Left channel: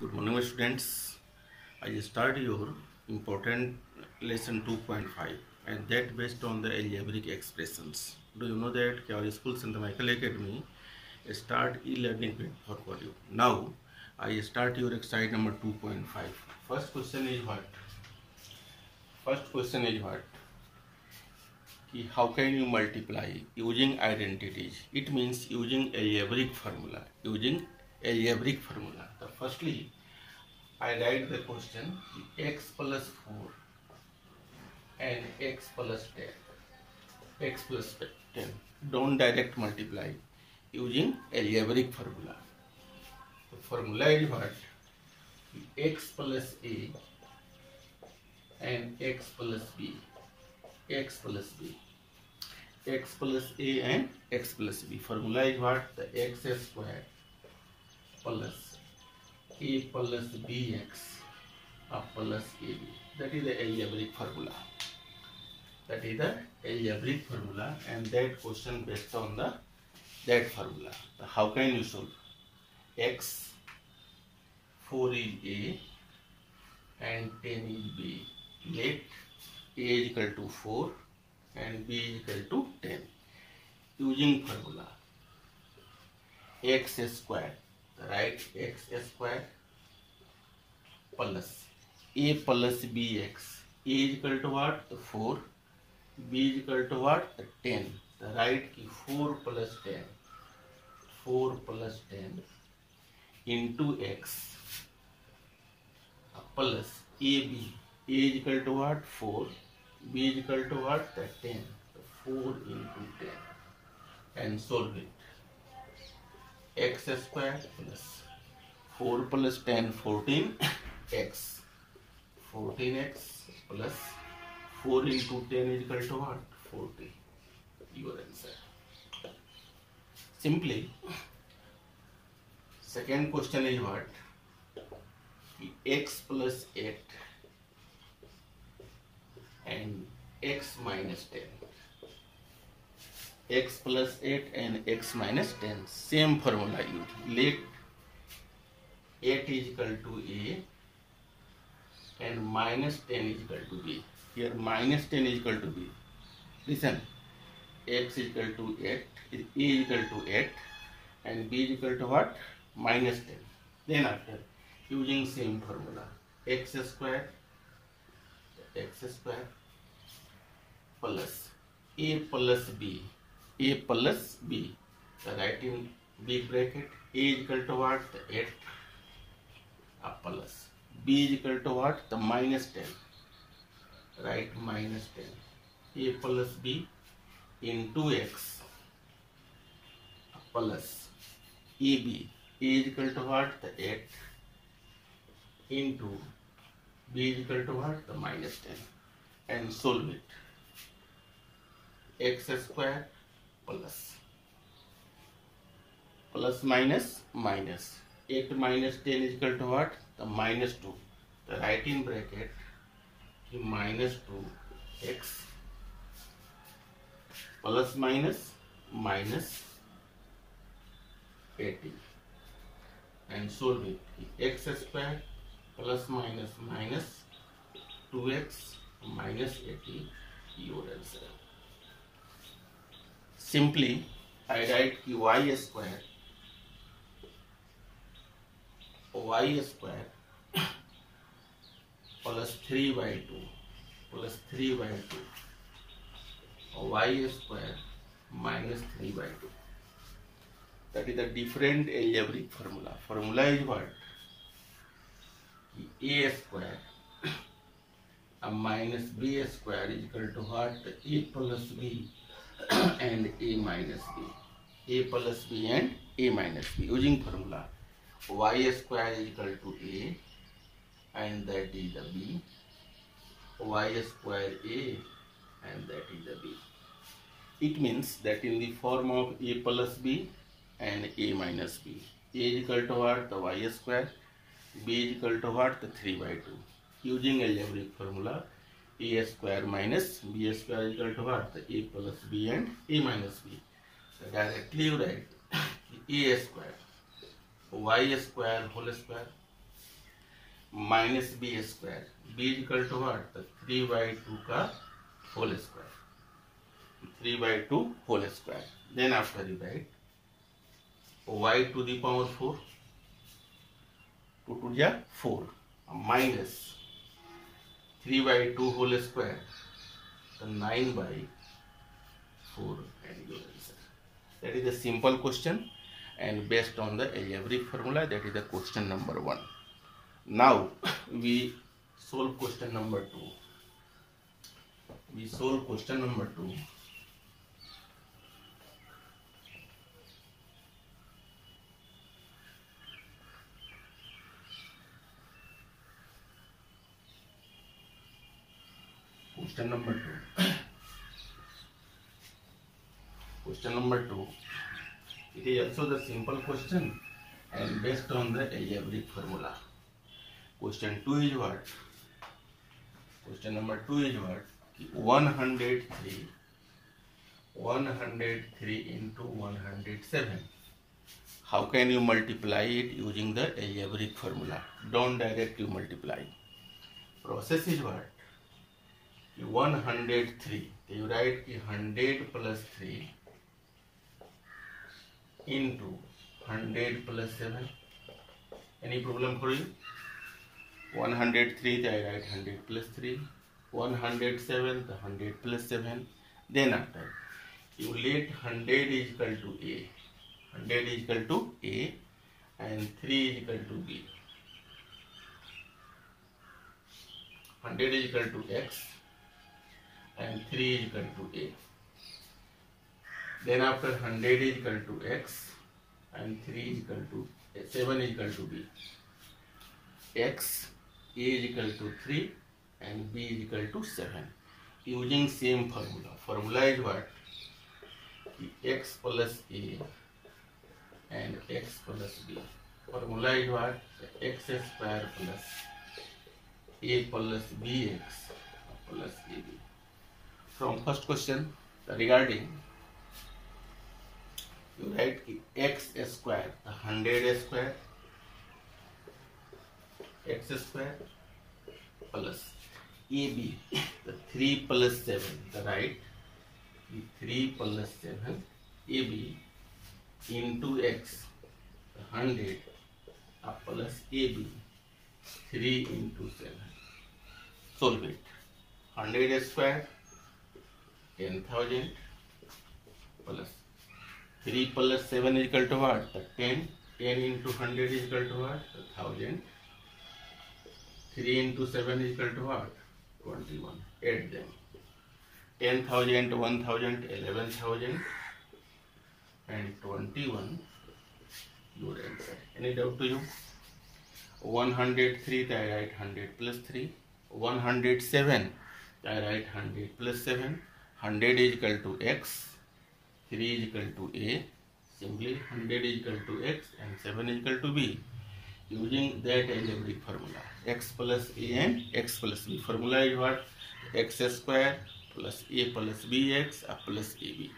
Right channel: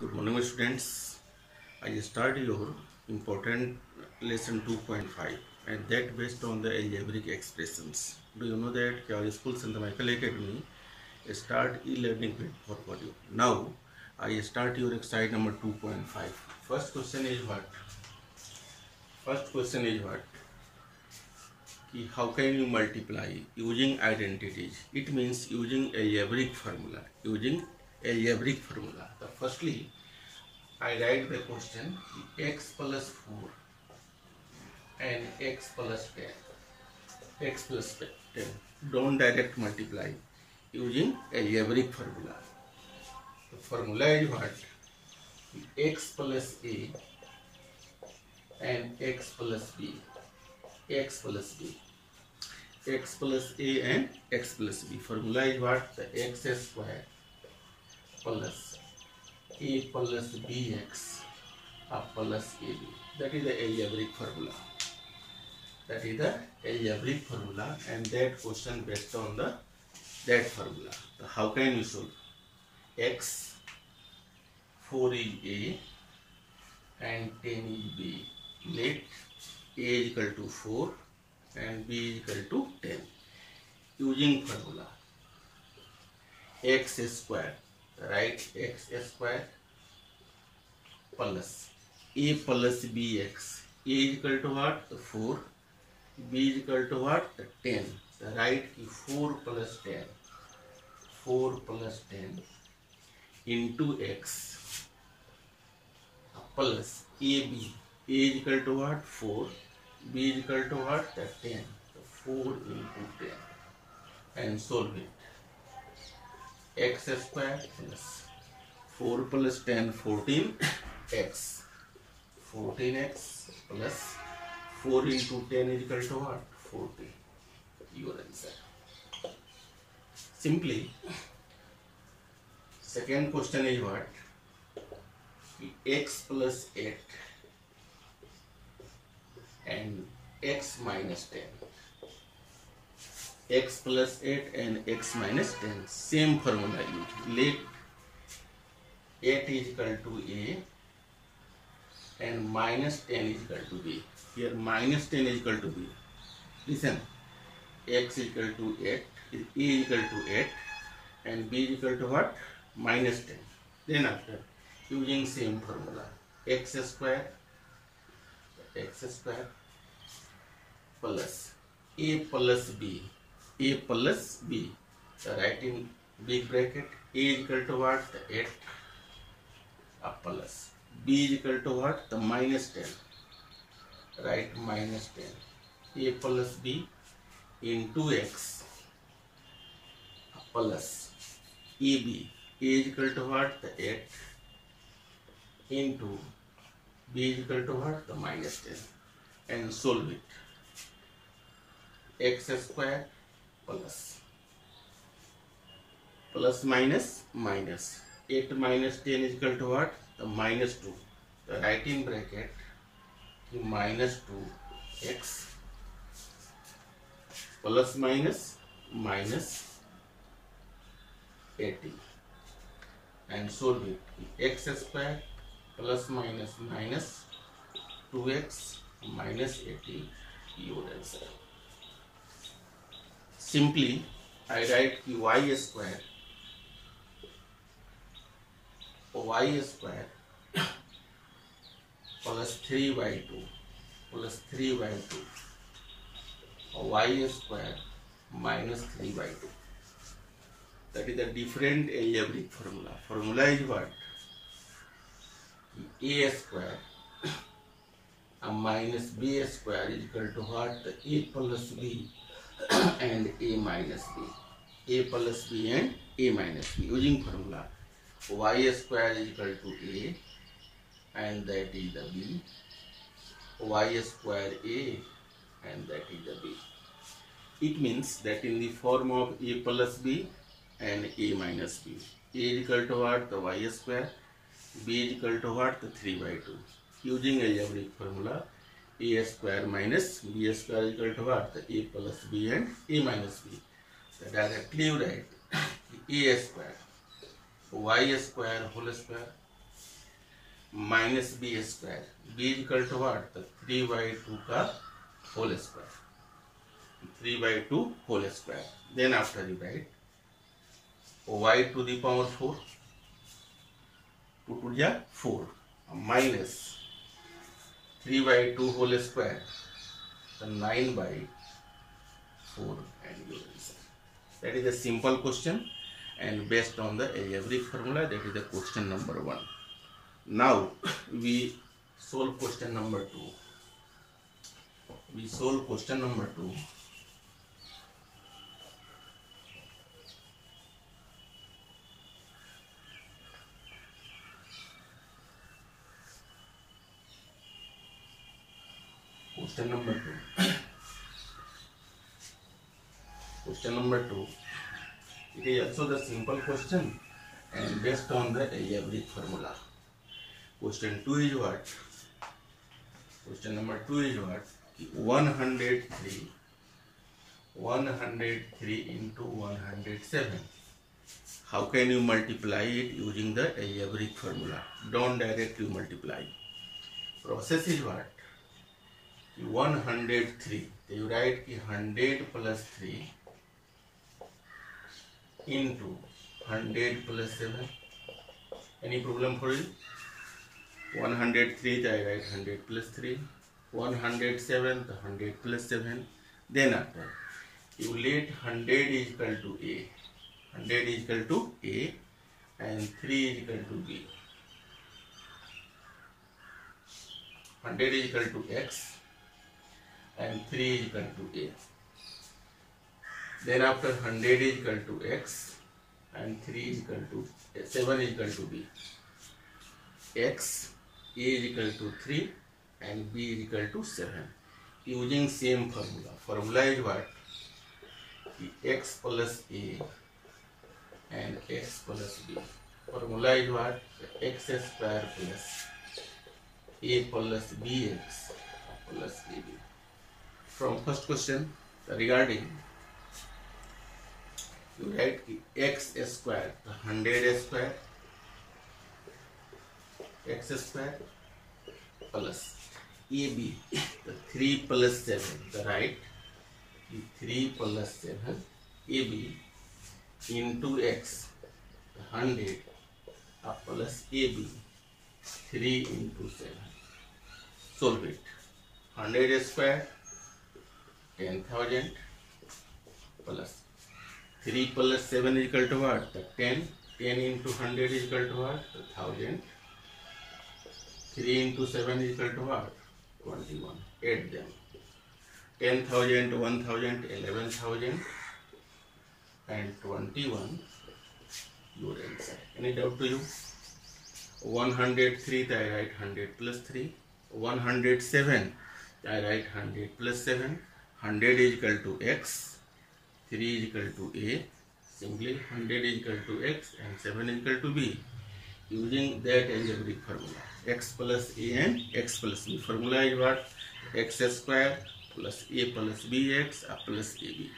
Good morning, my students. I start your important lesson 2.5 and that based on the algebraic expressions. Do you know that our school St. Michael Academy start e-learning platform for you. Now I start your exercise number 2.5. First question is what? How can you multiply using identities? It means using algebraic formula. Firstly, I write the question x plus 4 and x plus 10. Don't direct multiply using algebraic formula. The formula is what? X plus a and x plus b. X plus a and x plus b. Formula is what? The x square plus a plus bx plus ab. That is the algebraic formula. And that question based on that formula. So how can you solve? X 4 is a and 10 is b. Let a is equal to 4 and b is equal to 10. Using formula x square, write x square plus a plus bx. A is equal to what? 4. B is equal to what? 10. So write 4 plus 10 into x plus ab. A is equal to what? 4. B is equal to what? 10. So 4 into 10 and solve it. X square plus 4 plus 10 14x. 14x plus 4 into 10 is equal to what? 40. Your answer. Simply, second question is what? X plus 8 and x minus 10. X plus 8 and x minus 10. Same formula used. Let 8 is equal to a and minus 10 is equal to b. Here minus 10 is equal to b. Listen, x is equal to 8, a is equal to 8 and b is equal to what? Minus 10. Then after using same formula, x square plus a plus b. So write in big bracket, a is equal to what? 8 plus b is equal to what? The minus 10. Write minus 10. A plus b into x plus ab. A is equal to what? The 8 into b is equal to what? The minus 10 and solve it. X square plus minus 8 minus 10 is equal to what? The minus 2. The write in bracket minus 2x plus minus 80 and solve it. X square plus minus 2x minus 80. Your answer. Simply, I write y square plus 3y2 y square minus 3y2. That is the different algebraic formula. Formula is what? A square minus b square is equal to what? A plus b and a minus b. A plus b and a minus b. Using formula y square is equal to a and that is the b. Y square a and that is the b. It means that in the form of a plus b and a minus b. A is equal to what? The y square. B is equal to what? The 3/2. Using algebraic formula, a square minus b square is equal to what? The a plus b and a minus b. So directly you write a square y square whole square minus b square, b equal to what, तो 3/2 का whole square, 3/2 whole square. Then after you write y to the power 4, 2 to the 4 minus 3/2 whole square, so 9/4, and your answer. That is a simple question and based on the algebraic formula. That is the question number 1. Now we solve question number 2. We solve question number 2. Question number 2. Question number 2. It is also the simple question and based on the algebraic formula. Question 2 is what? Question number 2 is what? 103 into 107. How can you multiply it using the algebraic formula? Don't directly multiply. Process is what? 103. You write 100 plus 3 into 100 plus 7. Any problem for you? 103, I write 100 plus 3. 107, the 100 plus 7. Then after, you let 100 is equal to A. 100 is equal to A and 3 is equal to B. 100 is equal to X and 3 is equal to A. Then after 100 is equal to X and 3 is equal to 7 is equal to B. X, A is equal to 3 and B is equal to 7. Using same formula. Formula is what? X plus A and X plus B. Formula is what? X square plus A plus BX plus AB. From first question regarding, you write x square, 100 square, x square plus AB, the 3 plus 7, the right, 3 plus 7 AB into x, 100 plus AB, 3 into 7. Solve it. 100 square 10,000 plus 3 plus 7 is equal to what? 10. 10 into 100 is equal to what? 1,000. 3 into 7 is equal to what? 21. Add them. 10,000, 1,000, 11,000 and 21. Your answer. Any doubt to you? 103, I write 100 plus 3. 107, I write 100 plus 7. 100 is equal to X. 3 is equal to A. Simply 100 is equal to X and 7 is equal to B. Using that algebraic formula. X plus A and X plus B. Formula is what? X square plus A plus BX plus AB.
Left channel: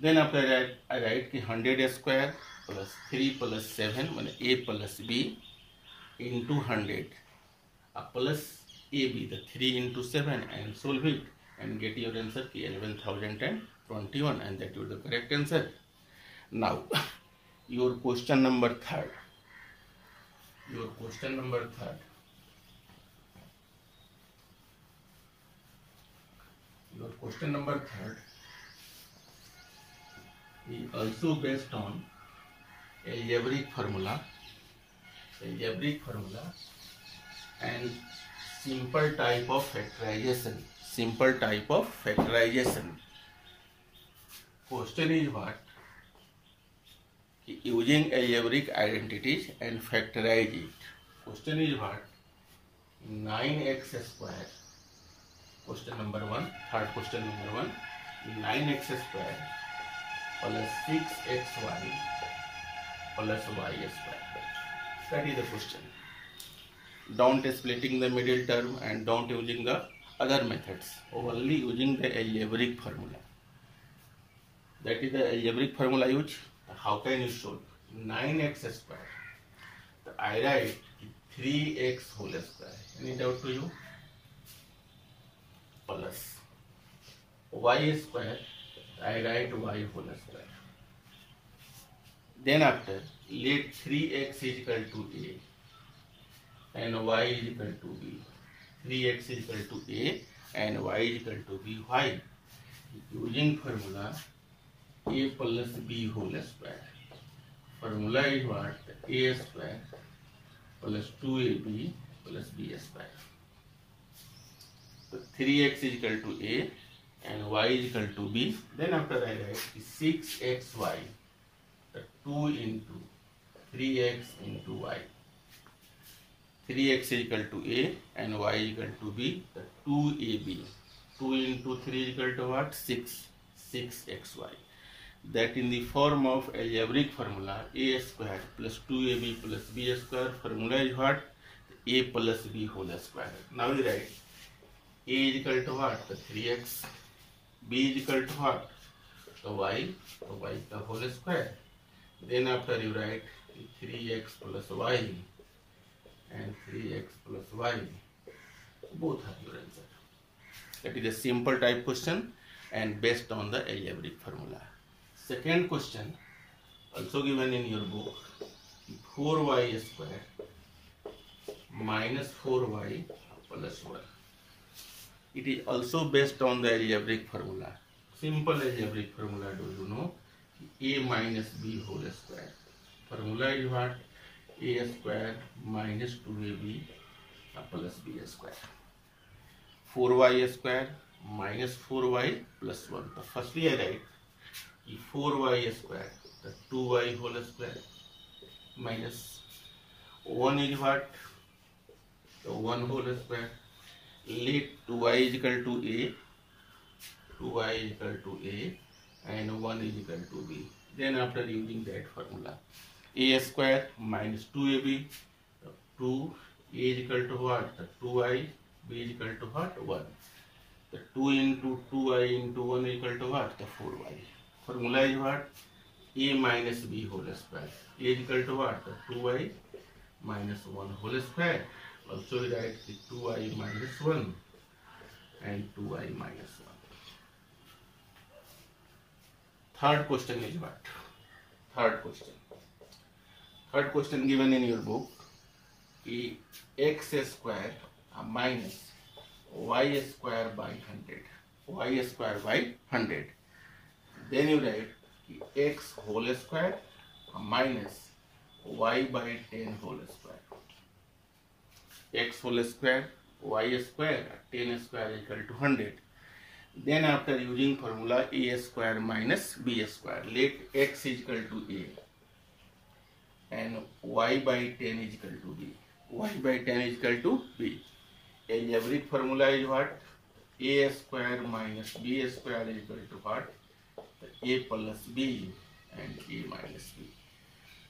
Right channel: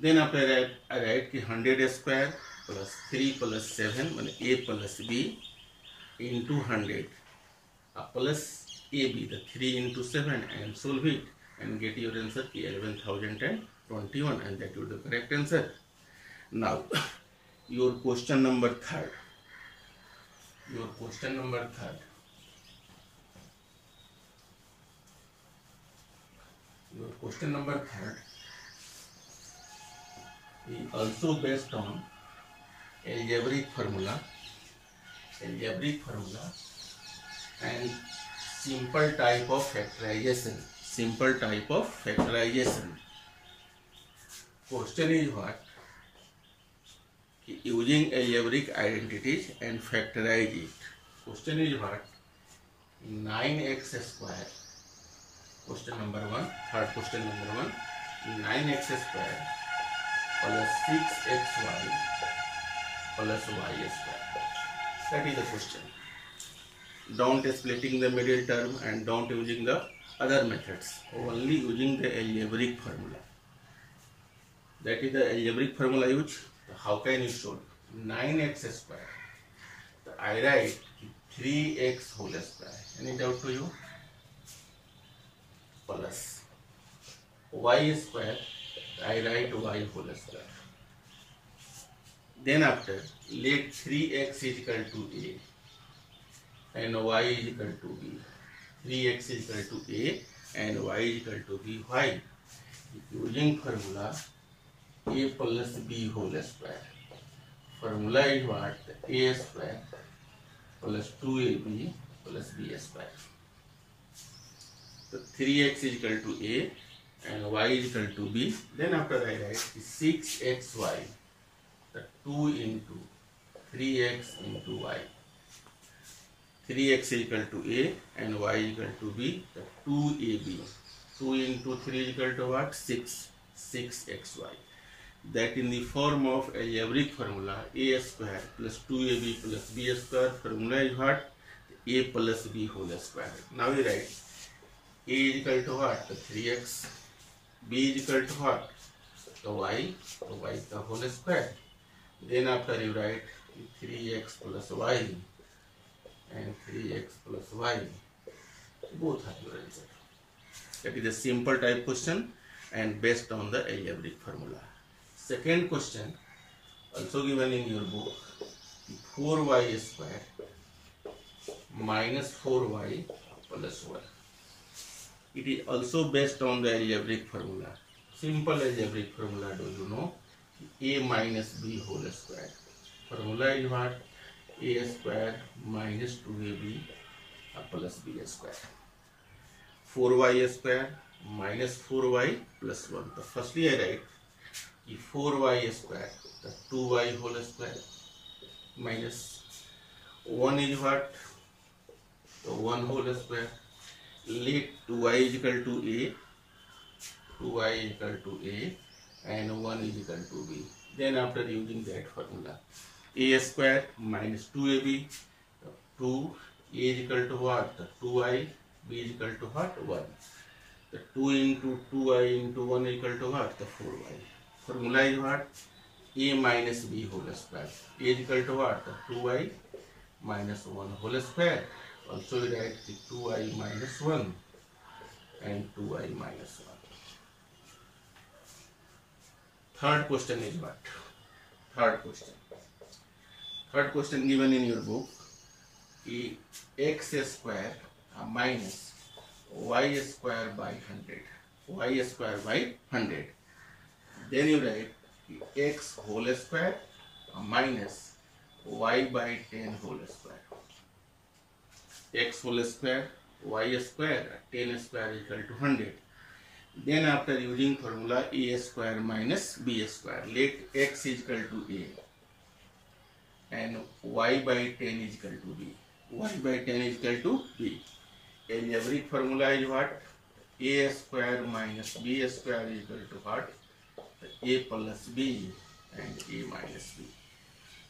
Then after that, I write 100 square plus 3 plus 7, A plus B into 100 plus AB, the 3 into 7, and solve it and get your answer 11,021, and that will be the correct answer. Now, your question number 3rd. Your question number 3rd. Your question number 3rd is also based on algebraic formula. Algebraic formula and simple type of factorization. Simple type of factorization. Question is what? Using algebraic identities and factorize it. Question is what? 9x square. Question number 1. Third question number 1. 9x square plus 6xy plus y square. That is the question. Don't splitting the middle term and don't using the other methods. Only using the algebraic formula. That is the algebraic formula used. How can you solve? 9x square. I write 3x whole square. Any doubt to you? Plus y square, I write y whole square. Then after, let 3x is equal to a and y is equal to b. 3x is equal to a and y is equal to b. Why? Using formula a plus b whole square. Formula is what? A square plus 2ab plus b square. So 3x is equal to a and y is equal to b. Then after I write 6xy, the 2 into 3x into y. 3x is equal to a and y is equal to b, the 2ab. 2 into 3 is equal to what? 6. 6xy. That in the form of algebraic formula a square plus 2ab plus b square. Formula is what? A plus b whole square. Now we write a is equal to what? The 3x. b is equal to what? The y. The y the whole square. Then after you write 3x plus y and 3x plus y. Both are your answer. That is a simple type question and based on the algebraic formula. Second question, also given in your book, 4y square minus 4y plus 1. It is also based on the algebraic formula. Simple algebraic formula, do you know? A minus b whole square. Formula is what? A square minus 2ab plus b square. 4y square minus 4y plus 1. So firstly I write 4y square, the 2y whole square minus 1 is what? The 1 whole square. Let 2y is equal to a, 2y is equal to a and 1 is equal to b. Then after using that formula, a square minus 2ab, 2 a is equal to what? The 2y, b is equal to what? 1. The 2 into 2y into 1 is equal to what? The 4y. Formula is what? A minus b whole square. A is equal to what? The 2y minus 1 whole square. Also we write 2y minus 1 and 2y minus 1. Third question is what? Third question. Third question given in your book. X square minus y square by 100. Y square by 100. Then you write x whole square minus y by 10 whole square. X whole square, y square, 10 square is equal to 100. Then after using formula a square minus b square, let x is equal to a and y by 10 is equal to b. Y by 10 is equal to b. Algebraic formula is what? A square minus b square is equal to what? A plus b and a minus b.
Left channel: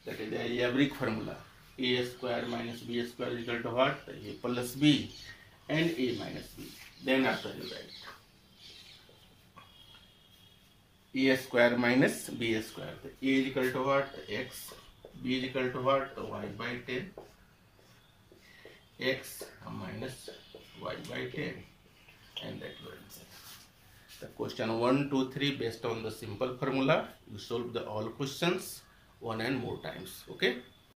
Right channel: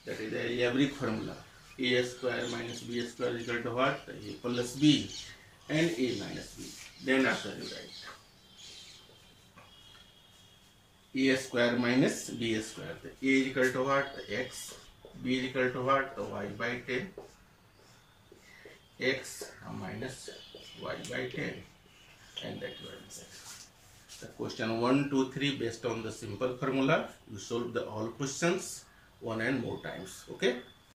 That is the algebraic formula. A square minus b square is equal to what? A plus b and a minus b. Then after you write a square minus b square. A is equal to what? X. B is equal to what? Y by 10. X minus y by 10. And that your answer. The question 1, 2, 3 based on the simple formula. You solve the all questions one and more times. Okay.